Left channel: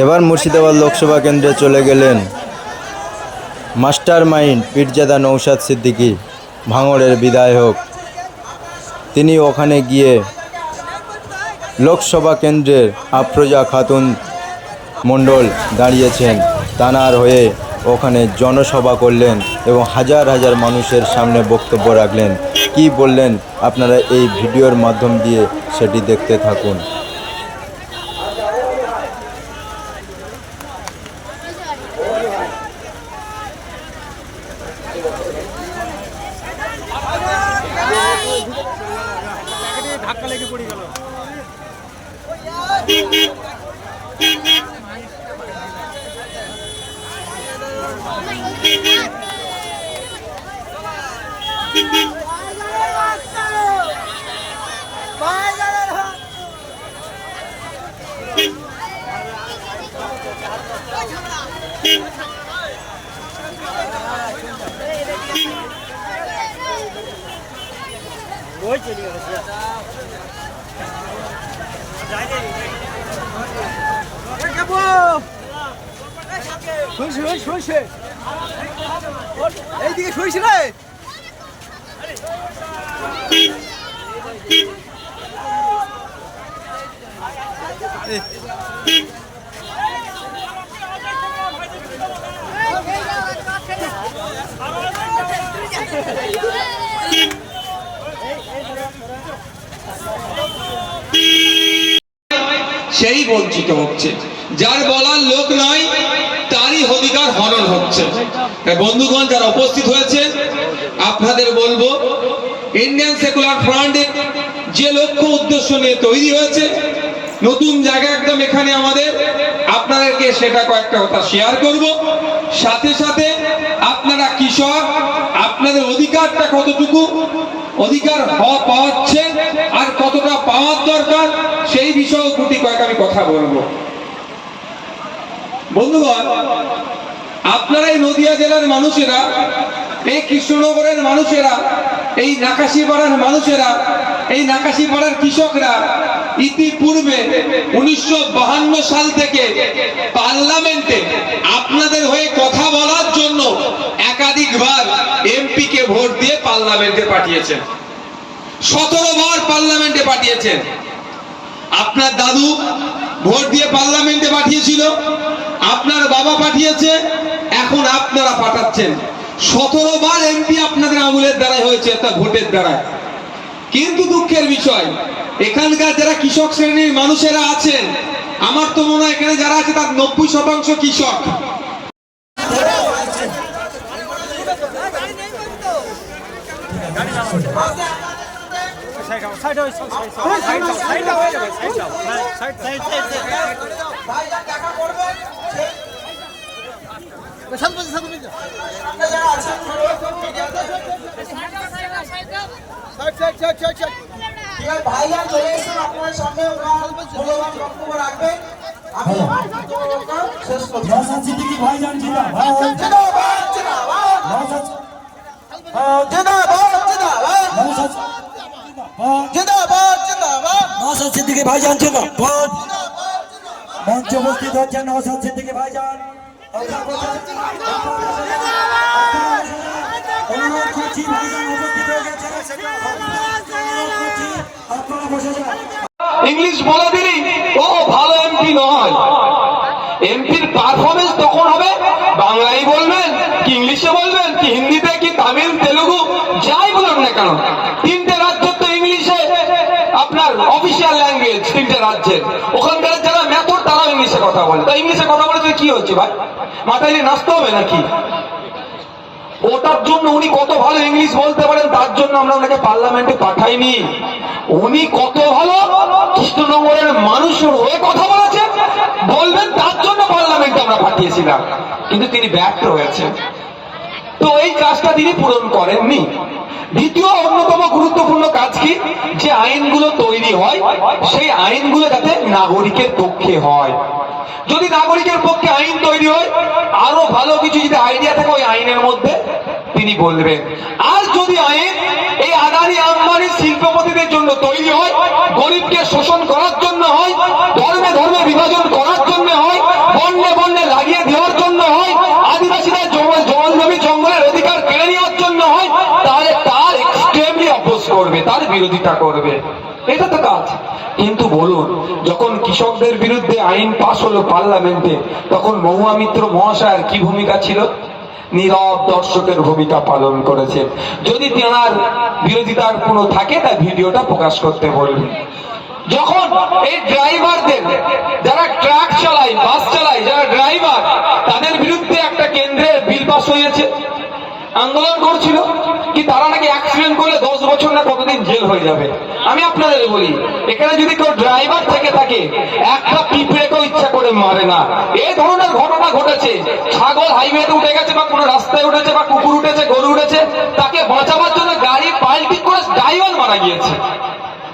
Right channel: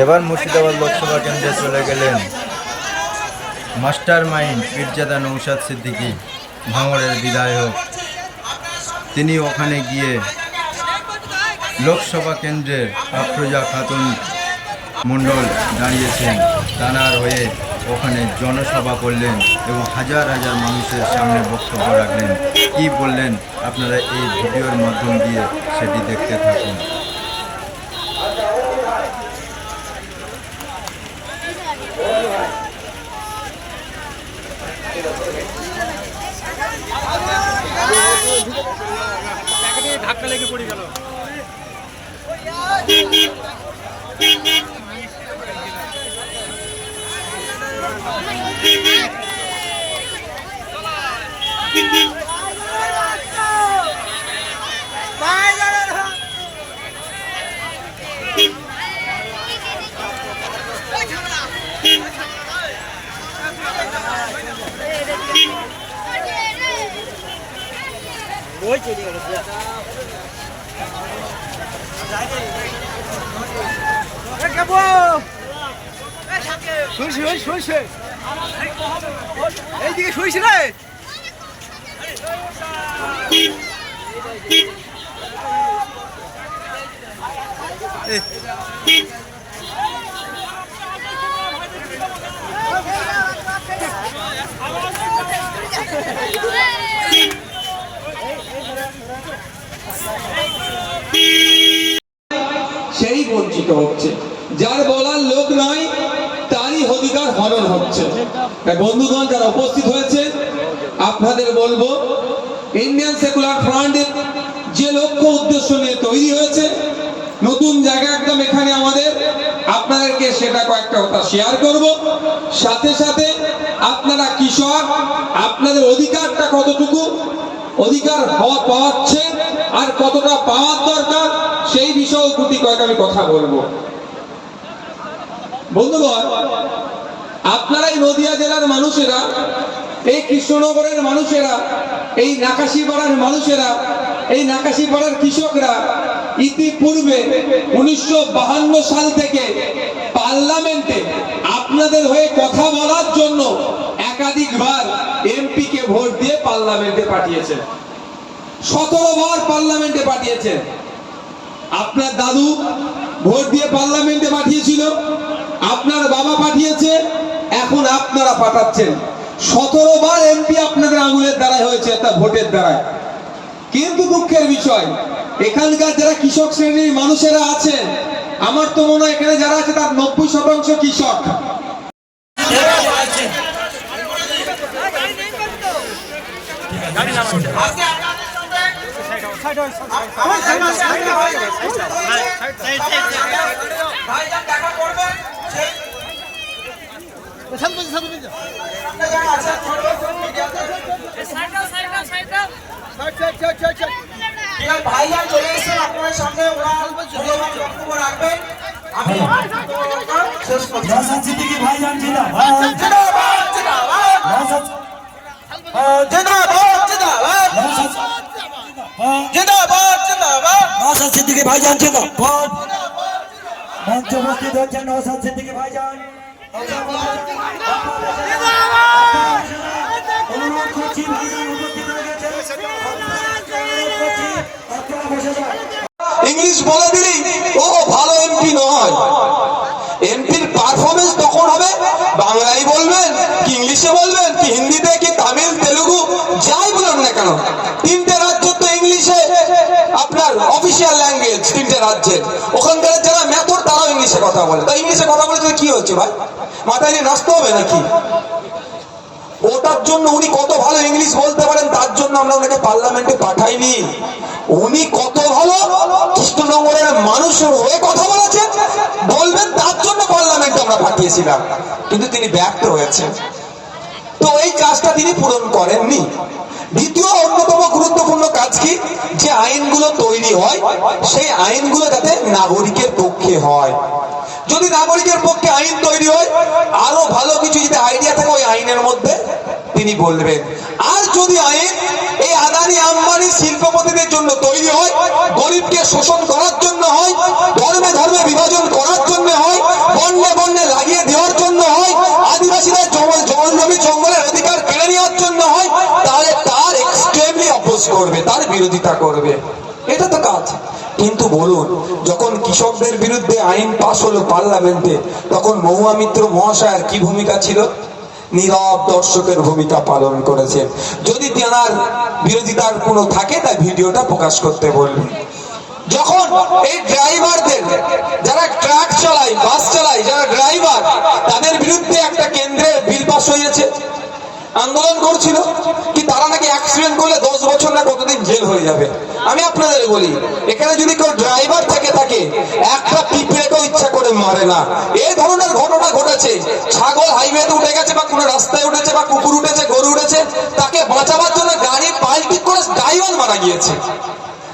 এবার মুর্শিদাবাদ লোকসভা কেন্দ্রে চলে গেলেন মাস্টার মাইন্ড পীরজাদা নৌসাদ সিদ্দিকী, ভাঙড়ের বিধায়ক। তিনি ওখানে গিয়ে লোকসভা কেন্দ্রের আফরোজা খাতুন মণ্ডল দাঁড়িয়েছেন। তানার হয়ে ওখানে জনসভা করলেন এবং হাজার হাজার মানুষের সামনে বক্তব্য রাখলেন। কি বললেন? আপনারা এই ভিডিওর মাধ্যম দিয়ে সেটি দেখতে থাকুন ধাক্কা লেগে পড়ে গেল ওই শুনছি এইদিকে শুনছি রে। সেই বঞ্চিত হচ্ছে। যার বলার লোক নাই তারই অধিকার হরণ হচ্ছে। তাই বন্ধুগণ যারা উপস্থিত হয়েছে আপনাদের বলব ইন্ডিয়ান সেকুলার ফ্রন্টের যে লক্ষ্য উদ্দেশ্য নিয়ে তৈরি হয়েছে, নতুন জায়গা একদম এখানে আমাদের, আপনাদেরকে সেটা কয়েকটা কথা শেয়ার করব। সাথে সাথে আপনারা কৃষক আপনাদের অধিকারটা কতটুকু, অধিকার পাওয়াচ্ছে আর কতটা পাওয়ার দরকার, সেই বিষয়ে প্রতি কয়েক আমি কথা বলব। বন্ধুগণ, আপনারা এই নদিয়া জেলার মানুষেরা এই কৃষ্ণনগরের মানুষেরা, এই নাকাশিপাড়ার মানুষেরা, এই নাকাশিপাড়ার কৃষকরা ইতিপূর্বে উনিশশো সাল থেকে পার্লামেন্টে আপনাদের হয়ে কথা বলার জন্য একাধিকবার এমপি কে ভোট দিয়ে পার্লামেন্টে পাঠিয়েছেন। সতেরো বার পার্লামেন্টে পাঠিয়েছেন। আপনার দাদু ভোট দিয়ে পার্লামেন্টে পাঠিয়েছিল, আপনার বাবা পাঠিয়েছে, এখন আপনারা পাঠাচ্ছেন। সতেরো বার এমপি আপনাদের আঙুলের দ্বারাই হয়েছে অর্থাৎ ভোটের দ্বারা কিন্তু দুঃখের বিষয় এখানকার যারা কৃষক শ্রেণির মানুষেরা আছেন আমার তো মনে হয় এখানে যারা আছে তার নব্বই শতাংশ কৃষক ভাইজান চলে এসেছেন আপনার সামনে ওনার মূল্যবান বক্তব্য রাখবেন আমি শেষ করছি ভাইজান জিন্দাবাদ নওশাদ সিদ্দিকী ভাইজান জিন্দাবাদ মঞ্চ উপস্থিত হচ্ছেন নওশাদ সিদ্দিকী ভাইজান। ইংলিশ বলে দিলেই ও ভালো এমপি নয়। এমপির পারফরমেন্স তখন হবে, বাংলায় বলবেন কি ইংলিশে বলবেন, কি হিন্দিতে, কি তামিল, তেলুগু, যাই বলুন না কেন, তিনটে রাজ্য তো ইংলিশে আপনার অফিসিয়াল ল্যাঙ্গুয়েজ তিনটে রাজ্যের। ওখানকার যারা মেথড তারাও ইংলিশে কথা বলে। তো ইংলিশে কথা বলে কি হচ্ছে ভাই? মাথায় নিয়ে নাচতে হবে নাকি? ওটার জন্য উনি কত ভালো ইংলিশ বলতে পারেন, তার জন্য আমরা ওনাকে পার্লামেন্টে পাঠাইনি। উনি কত ভালো কৃষ্ণনগরের মানুষের হয়ে কথা বলেছেন, বলবেন, তার জন্য পার্লামেন্টে আমরা পাঠিয়েছিলাম। কিন্তু তিনি ব্যর্থ হয়েছেন। তো এই কাজটা তিনি পূরণ করেননি। দ্বিতীয় অন্যতম গুরুত্বপূর্ণ কাজ কি? যে আইনগুলো তৈরি হয়, সেই আইনগুলো যাতে নাগরিকের পক্ষে হয়। যদি নাগরিকের পক্ষে ভালো কিছু যদি আইডিয়া থাকে ওই আইনের মধ্যে তিনি বলবেন। আর যদি আইন এই আদানি আম্বানি শিল্পপতিদের জন্য তৈরি হয়, গরিবকে শোষণ করার জন্য হয়, ধর্মে ধর্মে বিভাজন করার জন্য হয়, বন্যে বন্যে লাগিয়ে দেওয়ার জন্য হয়, আদিবাসীদের জমা জল জমি, জঙ্গলের অধিকার কেড়ে নেওয়ার জন্য হয়, তাহলে তার এক্সট্রিমলি অপোজ করবে, তার বিরোধিতা করবে। কিন্তু বলুন, যখন কৃষকদের বিরুদ্ধে আইন পাশ হলো পার্লামেন্টে, তখন মহুয়া মিত্র মহাশয়ের কি ভূমিকা ছিল? নীরব দর্শকের ভূমিকা পালন করেছে যদি তেনার বিরোধিতার কোনো থাকে, তাই ভিডিওটা প্রকাশ করতে বলবেন যখন এই ড্রাইভারদের যারা ট্রাক চালায় বাস চালায় যারা ড্রাইভার তাদের বিরুদ্ধে একটা কেন্দ্রে বিল পাস হয়েছে আন্দোলন করছিল কি তারা নাকি অ্যাক্সিডেন্ট করলে দশ বছর না কতদিন জেল হয়ে যাবে। আমি আপনাদের বলি, এখানে যদি কেউ ড্রাইভার থেকে থাকে, একটা পিঁপড়েকেও ইচ্ছা করে মারে না। এই ধরনের ঘটনা ঘটেছে। ছাগল হাইওয়েতে উঠে গেছে বা কোনো রাস্তায় উঠেছে বা কুকুর উঠেছে, গরু উঠেছে, তাকে বাঁচাবার জন্য গাড়ি পাল্টি করে ড্রাইভার মারা গিয়েছে।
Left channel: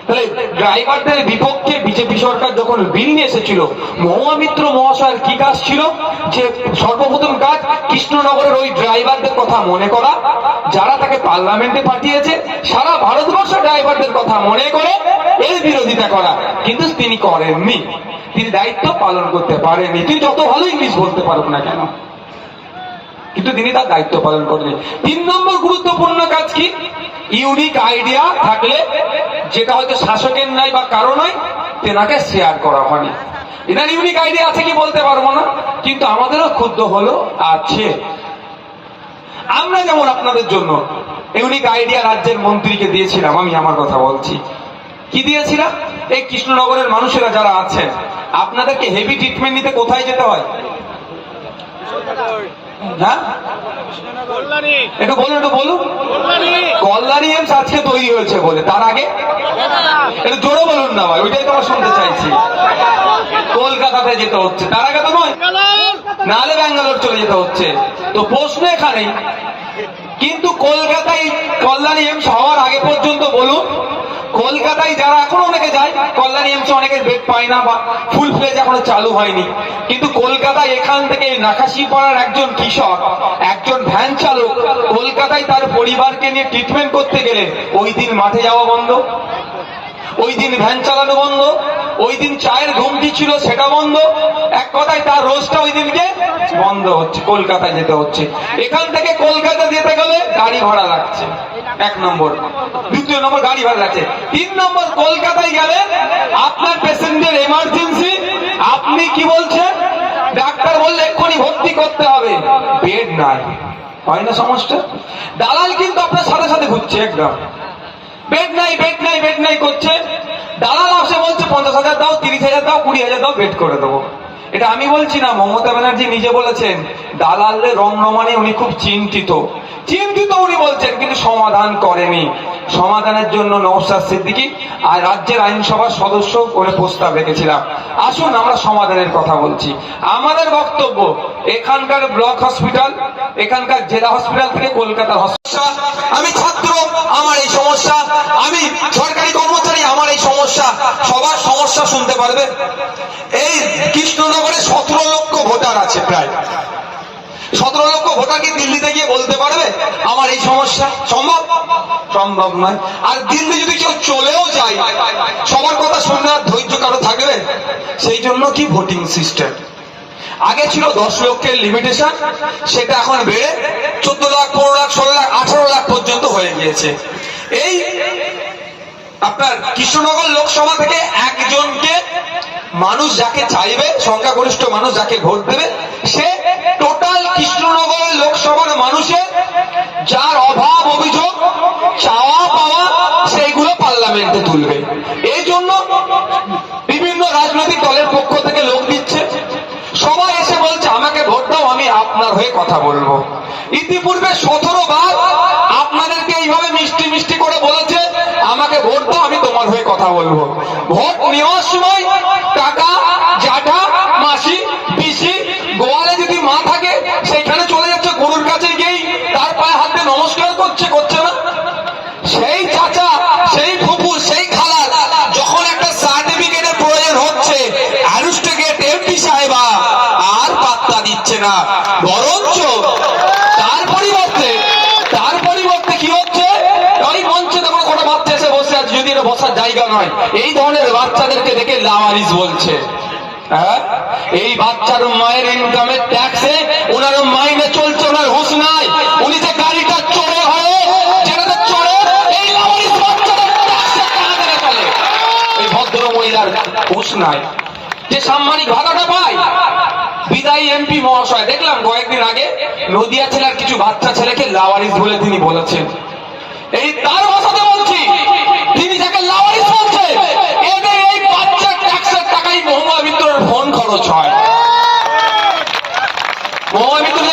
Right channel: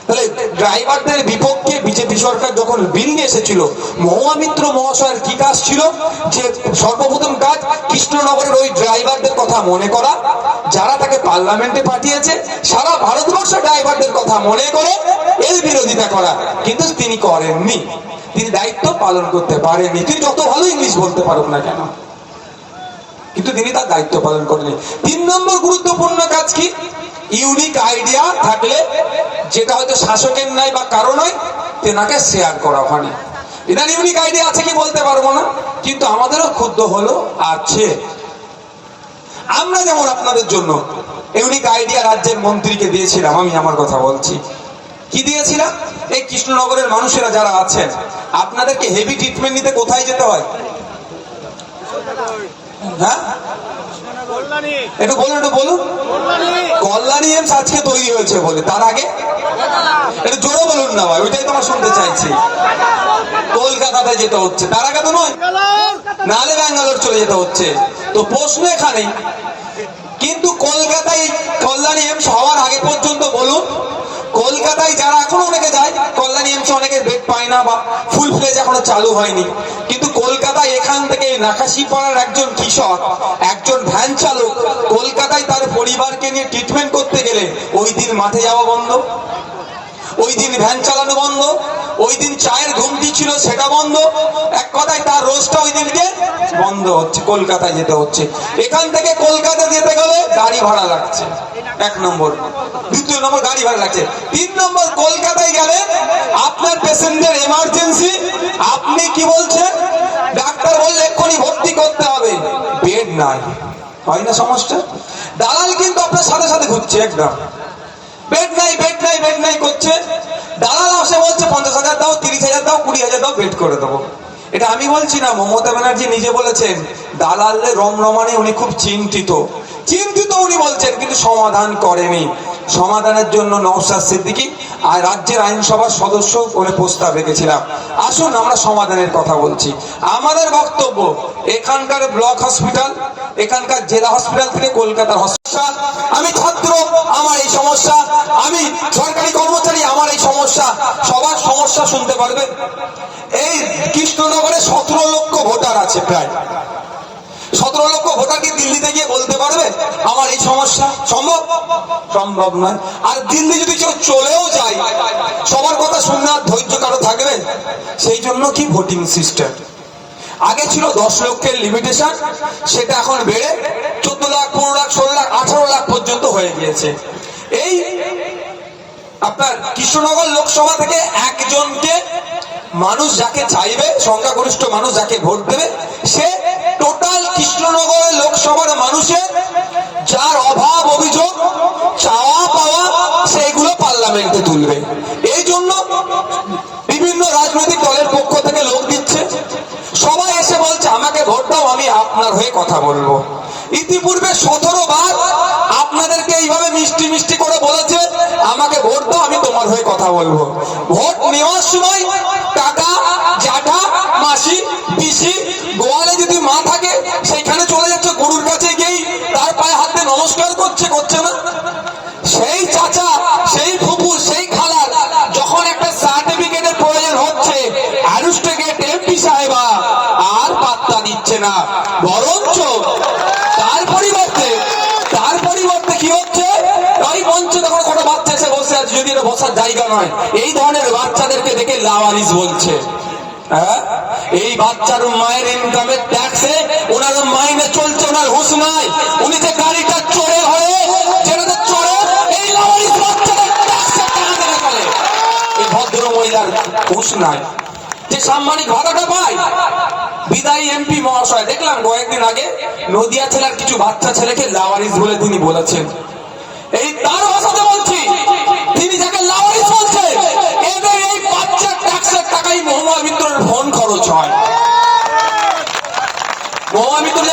তাহলে ড্রাইভারদের বিপক্ষে বিজেপি সরকার যখন বিল নিয়ে এসেছিল, মহামিত্র মহাশয়ের কি কাজ ছিল? যে সর্বপ্রথম কাজ কৃষ্ণনগরের ওই ড্রাইভারদের কথা মনে করা, যারা তাকে পার্লামেন্টে পাঠিয়েছে, সারা ভারতবর্ষ ড্রাইভারদের কথা মনে করে এর বিরোধিতা করা কিন্তু তিনি করেননি। তিনি দায়িত্ব পালন করতে পারেননি। তিনি যত ভালো ইংলিশ বলতে পারুক না কেন? কিন্তু তিনি তার দায়িত্ব পালন করেনি তিন নম্বর গুরুত্বপূর্ণ কাজ কি? ইউনিক আইডিয়া থাকলে, যেটা হয়তো শাসকের নাই বা কারও নয় তেনাকে শেয়ার করা হয়নি। এনার ইউনিক আইডিয়া আছে কি বলতে পারব না? কিন্তু আমাদেরও ক্ষুদ্র হলো, আছে। আমরা যেমন আপনাদের জন্য ইউনিক আইডিয়া রাজ্যের মন্ত্রীকে দিয়েছিলাম, আমি আমার কথা বলছি। কি দিয়েছিলাম? এই কৃষ্ণনগরের মানুষেরা যারা আছেন, আপনাদেরকে হেভি ট্রিটমেন্ট নিতে কোথায় যেতে হয়? হ্যাঁ? একটু বলুন একটু বলুন। কল্যাণী এমস আজকে তৈরি হয়েছে বলে, তার আগে? একটু জোরে বলুন না ভাই, ওইটাই তোমার শুনতে চাইছি। কলকাতাতে যেতে হচ্ছে, তার আগে তো নয়। নালে ব্যাঙ্গালোর চলে যেতে হচ্ছে। তো প্রশ্ন এখানে, কিন্তু কলকাতায় কল্যাণী এমস হওয়ার আগে পর্যন্ত বলুন কলকাতায় যারা এখন অনেকে যায় কল্যাণী এমস অনেকের বেড পায় না বা ফুল ফ্লেজ এখনও চালু হয়নি। কিন্তু কলকাতায় এখান থেকে নাকাশি পাড়ার একজন কৃষক, একজন ভ্যান চালক কলকাতায় তার পরিবারকে নিয়ে ট্রিটমেন্ট করতে গেলে ওই দিন মাঠে যাওয়া বন্ধ, ওই দিন ভ্যান চালানো বন্ধ, ওই দিন চায়ের ঘুমটি ছিল সেটা বন্ধ। এক কথায় তার রোজটা ওই দিনকে বন্ধ হচ্ছে, কলকাতায় যেতে হচ্ছে। এখান থেকে কলকাতা গাড়ি ভাড়া লাগছে। এক নম্বর। দ্বিতীয় নম্বর, গাড়ি ভাড়া লাগছে। তিন নম্বর, কলকাতায় গেলে আপনার পেশেন্টের এমার্জেন্সি আপনি কি বলছেন? ডাক্তার বললে এক্ষুনি ভর্তি করতে হবে। বেড নাই। হয় না সমস্যা দালাল কিন্তু আপনার সাথে সাথে ঘুরছে একদম। বেড নাই বেড নাই বেড নাই করছে। দালাল আসে বলছে, পঞ্চাশ হাজার দাও, তিরিশ হাজার দাও, কুড়ি হাজার দাও, বেড করে দেবো। এটা আমি বলছি না, মমতা ব্যানার্জি নিজে বলেছেন দালালের রমরমানে উনি খুব চিন্তিত। চিন্তিত উনি বলছেন, কিন্তু সমাধান করেনি। সমাধানের জন্য নওশাদ সিদ্দিকী আর রাজ্যের আইনসভার সদস্য করে প্রস্তাব রেখেছিলাম। আসুন, আমরা সমাধানের কথা বলছি। আমাদের বক্তব্য, এখানকার ব্লক হসপিটাল, এখানকার জেলা হসপিটাল থেকে কলকাতার হসপিটাল। আমি ছাত্র, আমার এই সমস্যা। আমি সরকারি কর্মচারী, আমার এই সমস্যা। সবার সমস্যা শুনতে পারবে। এই কৃষ্ণনগরে সতেরো লক্ষ ভোটার আছে প্রায়। সতেরো লক্ষ কি দিল্লিতে গিয়ে বলতে পারবে? আমার এই সমস্যা সম্ভব? সম্ভব নয়। আর দিল্লি যদি কেউ চলেও যায়, সবার কথা শুনে আর ধৈর্য কারও থাকবে? সেই জন্য কি ভোটিং সিস্টেম? আগে ছিল দশ লক্ষের লিমিটেশন সেটা এখন বেড়ে চোদ্দ লাখ, পনেরো লাখ, ষোলো লাখ, আঠারো লাখ পর্যন্ত হয়ে গিয়েছে। এই আপনার কৃষ্ণনগর লোকসভা থেকে একজনকে মানুষ যাকে চাইবে, সংখ্যাগরিষ্ঠ মানুষ যাকে ভোট দেবে, সে সতেরো বার আপনাদেরকে এইভাবে মিষ্টি মিষ্টি করে বলেছে, আমাকে ভোট দাও, আমি তোমার হয়ে কথা বলব। ভোট নেওয়ার সময় টাকা জ্যাঠা, মাসি, পিসি, গোয়ালে যদি মা থাকে, সেখানে চলে যাচ্ছে, গরুর কাছে গিয়েই তার পায়ে হাতে নমস্কার করছে করছে না? সেই চাচা, সেই ফুপু, সেই খালার, যখন একটা সার্টিফিকেটের প্রয়োজন হচ্ছে অ্যারুস্টেগেট এমপি সাহেবা, আর পাত্তা দিচ্ছে না। বরঞ্চ নয় এই ধরনের বাচ্চাদেরকে দেখে লাওয়ারিস বলছে। হ্যাঁ? এই বাচ্চার মায়ের ইনকামের ট্যাক্সে ওনার মাইনে চলছে, ওনার উনি যে গাড়িটা চড়ে হয়ে চড়ে, এই এই ভদ্র মহিলার যে সাম্মানিক পায়, বিদায়ী এমপি মহাশয়, দেখলাম কয়েকদিন আগে নদিয়া ছেলের কিছু বাচ্চা ছেলেকে লাওয়ারিস বলে তিনি বলেছেন। এই তার ভাষাতে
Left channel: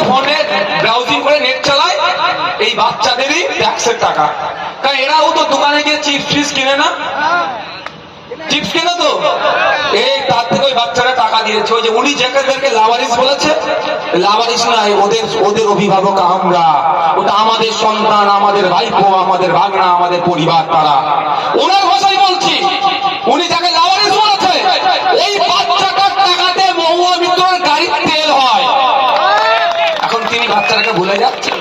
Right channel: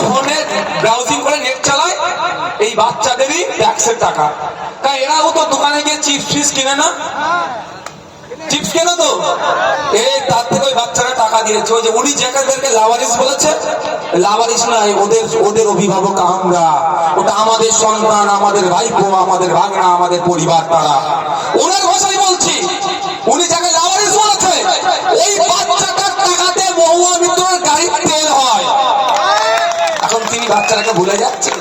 ফোন ব্রাউজিং করে নেট চালায়, এই বাচ্চাদেরই ট্যাক্সের টাকা। কারণ এরাও তো দোকানে গিয়ে চিপস ফিস কিনে না? চিপস কেন তো? এই তার থেকে ওই বাচ্চারা টাকা দিয়েছে। ওই যে উনি যাদেরকে লাভারিস বলেছে। লাভারিস নাই ওদের ওদের অভিভাবক আমরা। ওটা আমাদের সন্তান, আমাদের ভাইপো, আমাদের ভাগনা, আমাদের পরিবার, তারা। ওনার ভাষাই বলছি উনি যাকে লাভারিস বলেছে ওই বাচ্চাটার টাকাতে মহুয়া মিত্রর গাড়ির তেল হয় এখন তিনি বাচ্চাটাকে ভুলে যাচ্ছে?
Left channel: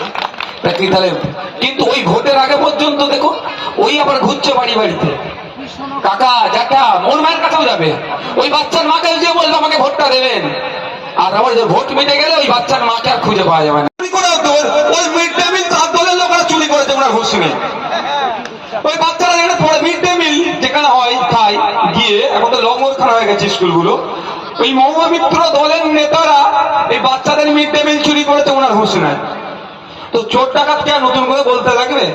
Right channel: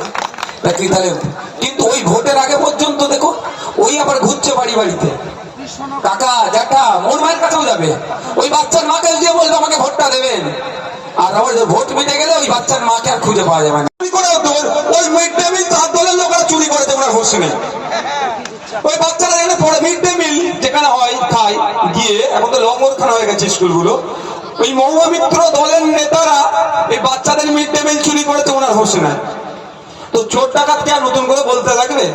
কিন্তু ওই ভোটের আগে পর্যন্ত দেখো, ওই আবার ঘুরছে বাড়ি বাড়িতে। কাকা জাটা মোর মায়ের কাছেও যাবে। ওই বাচ্চার মাকে গিয়ে বলবে, আমাকে ভোটটা দেবেন। আর আবার যে ভোট মিটে গেলে ওই বাচ্চার মাকে আর খুঁজে পাওয়া যাবে না। করে ওই মিড ডে মিল তার দলের লোকরা চুরি করেছে ওনার হোস নেই ওই বাচ্চারা যেখানে পড়ে মিড ডে মিল, যেখানে হয়, খায়, গিয়ে, এখন তো লঙ্গরখানা হয়ে গেছে স্কুলগুলো। ওই মহুয়া মিত্র দলের নেতারা এই বাচ্চাদের মিড ডে মিল চুরি করেছে ওনার হোস নেই তো চোর ডাকাতকে আর নতুন করে বলতে লাগবে?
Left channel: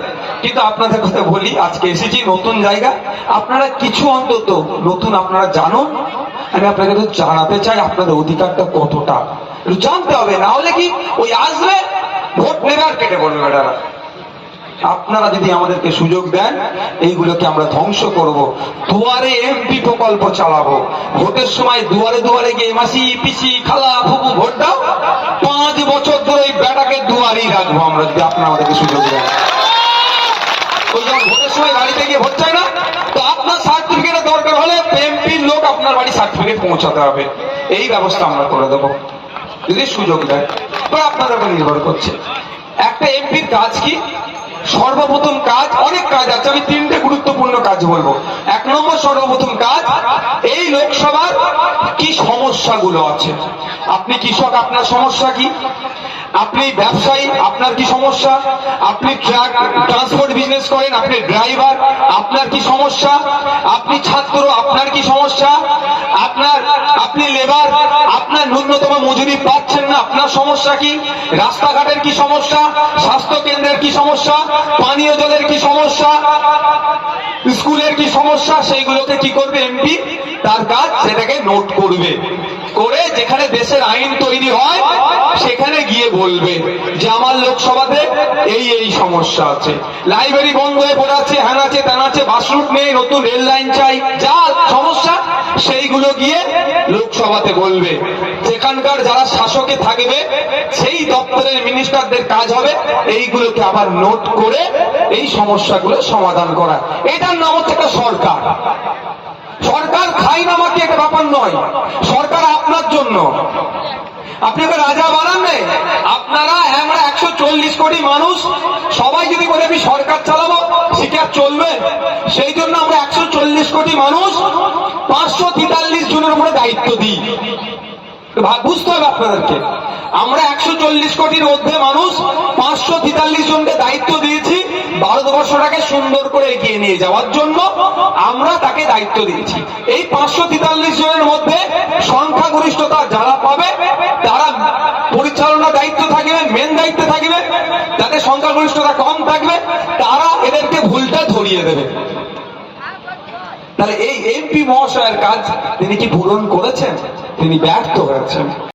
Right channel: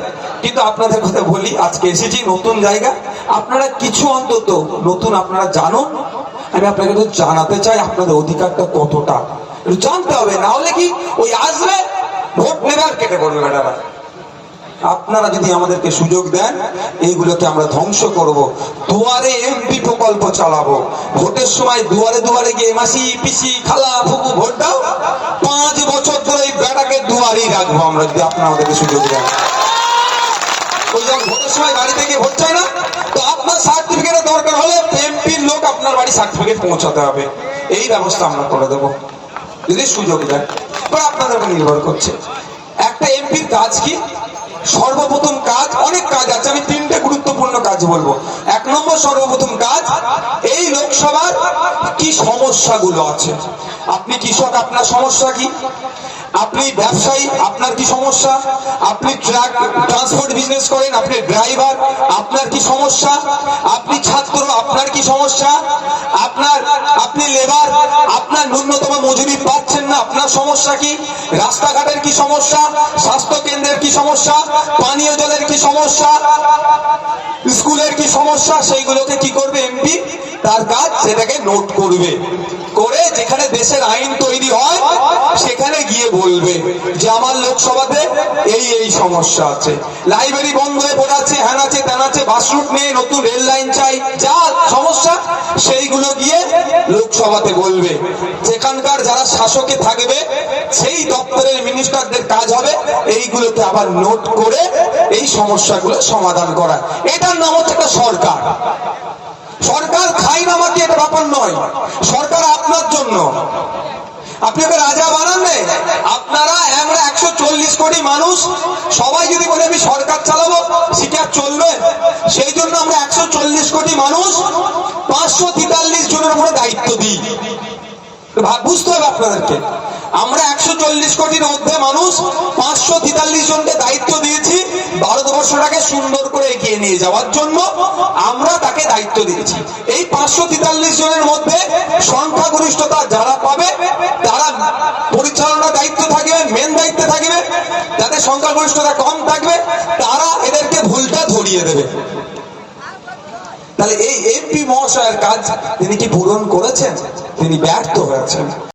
কিন্তু আপনাদের কথা বলি, আজকে এসেছি নতুন জায়গা। আপনারা কিছু অন্তত নতুন আপনারা জানুন আমি আপনাকে তো জানাতে চাই আপনাদের অধিকারটা কতটা। জানতে হবে, না হলে কি ওই আসবে, ভোট নেবে আর কেটে পড়বে ম্যাডারা আপনারা যদি আমাদেরকে সুযোগ দেন, এইগুলোকে আমরা ধ্বংস করব। দুয়ারে এমপি প্রকল্প চালাবো। ভোটের সময় দুয়ারে দুয়ারে গিয়ে মাসি, পিসি, খালা ফুপু ভোট দাও। সময় গিয়ে ভোট চাই না, তো আপনার সার্টিফিকেট দরকার হলে এমপির লোক আপনার বাড়ি সার্টিফিকেট পৌঁছাতে হবে। এই ব্যবস্থা আমরা করে দেবো। যদি সুযোগ দেন বা আপনাদের উপর নির্ভর করছে। একটা এমপির কাজ কি? সর্বপ্রথম কাজ, অনেক কাজ আছে, আমি তিনটে গুরুত্বপূর্ণ কাজ বলব। এক নম্বর সর্বপ্রথম কাজ, এই লোকসভার কি সমস্যাগুলো আছে? আপনি কৃষক, আপনার সমস্যা কি? আপনি ব্যবসায়ী, আপনার কি সমস্যা? আপনি ট্রাক, ট্রান্সপোর্ট বিজনেস করেন, আপনি ড্রাইভার, আপনার কি সমস্যা? আপনি ছাত্র, আপনার কি সমস্যা? আপনার, আপনি লেবার, আপনার ন্যূনতম মজুরি পাচ্ছেন না, আপনার সমস্যা কি? রাস্তাঘাটের কি সমস্যা? স্বাস্থ্য কেন্দ্রের কি সমস্যা? পানীয় জলের কি সমস্যা? স্কুলের কি সমস্যা? সেইগুলোকে কি করবে এমপি? তার কাজ সেটাকে নোট করবে। করে যেখানে দেশের আইন তৈরি হয়, সেখানে গিয়ে বলবে যে আমার লোকসভাতে এই এই সমস্যা আছে। লাইব্রেরি বন্ধ হয়ে পড়ে আছে হ্যান আছে ত্যান আছে বাসরুট নেই, নতুন রেল লাইন চাই। যা সমস্যা, সেইগুলো গিয়ে লোকসভাতে বলবে। যেখানকার যারা শাসকে থাকবে, সেই দপ্তরের মিনিস্টারদের কাজ হবে, এইগুলোকে আবার নোট করে এই সমস্যাগুলো সমাধান করা। এটার নাম হচ্ছে একটা সরকার। সরকার খাই নামাকে এটা ব্যাপার নয়। সরকার আপনার জন্য। আপনাকে রাজা বানান আপনারা চল্লিশ কোটি মানুষ, সবাই যদি বলে আমি সরকার চালাবো, সেটা চলবে। সেই জন্য আমরা একশো চল্লিশ কোটি মানুষ পাঁচশো তেতাল্লিশ জনের উপরে দায়িত্ব দিই। বুঝতে হবে আপনাদেরকে। আমরা একশো চল্লিশ কোটির মধ্যে মানুষ, পাঁচশো তেতাল্লিশ জনকে দায়িত্ব দিয়েছি, ভারতবর্ষটাকে সুন্দর করে এগিয়ে নিয়ে যাওয়ার জন্য আমরা তাকে দায়িত্ব দিয়েছি এই পাঁচশো তেতাল্লিশ জনের মধ্যে সংখ্যাগরিষ্ঠতা যারা পাবে তারা পরিচালনা দায়িত্ব থাকবে মেন দায়িত্বে থাকবে যাদের সংখ্যাগরিষ্ঠতা কম থাকবে তারা এদেরকে ভুলটা ধরিয়ে দেবে। তাহলে এই এমপি মহাশয়ের কাজ তিনি কি পূরণ করেছেন? তিনি ব্যর্থ হয়েছেন।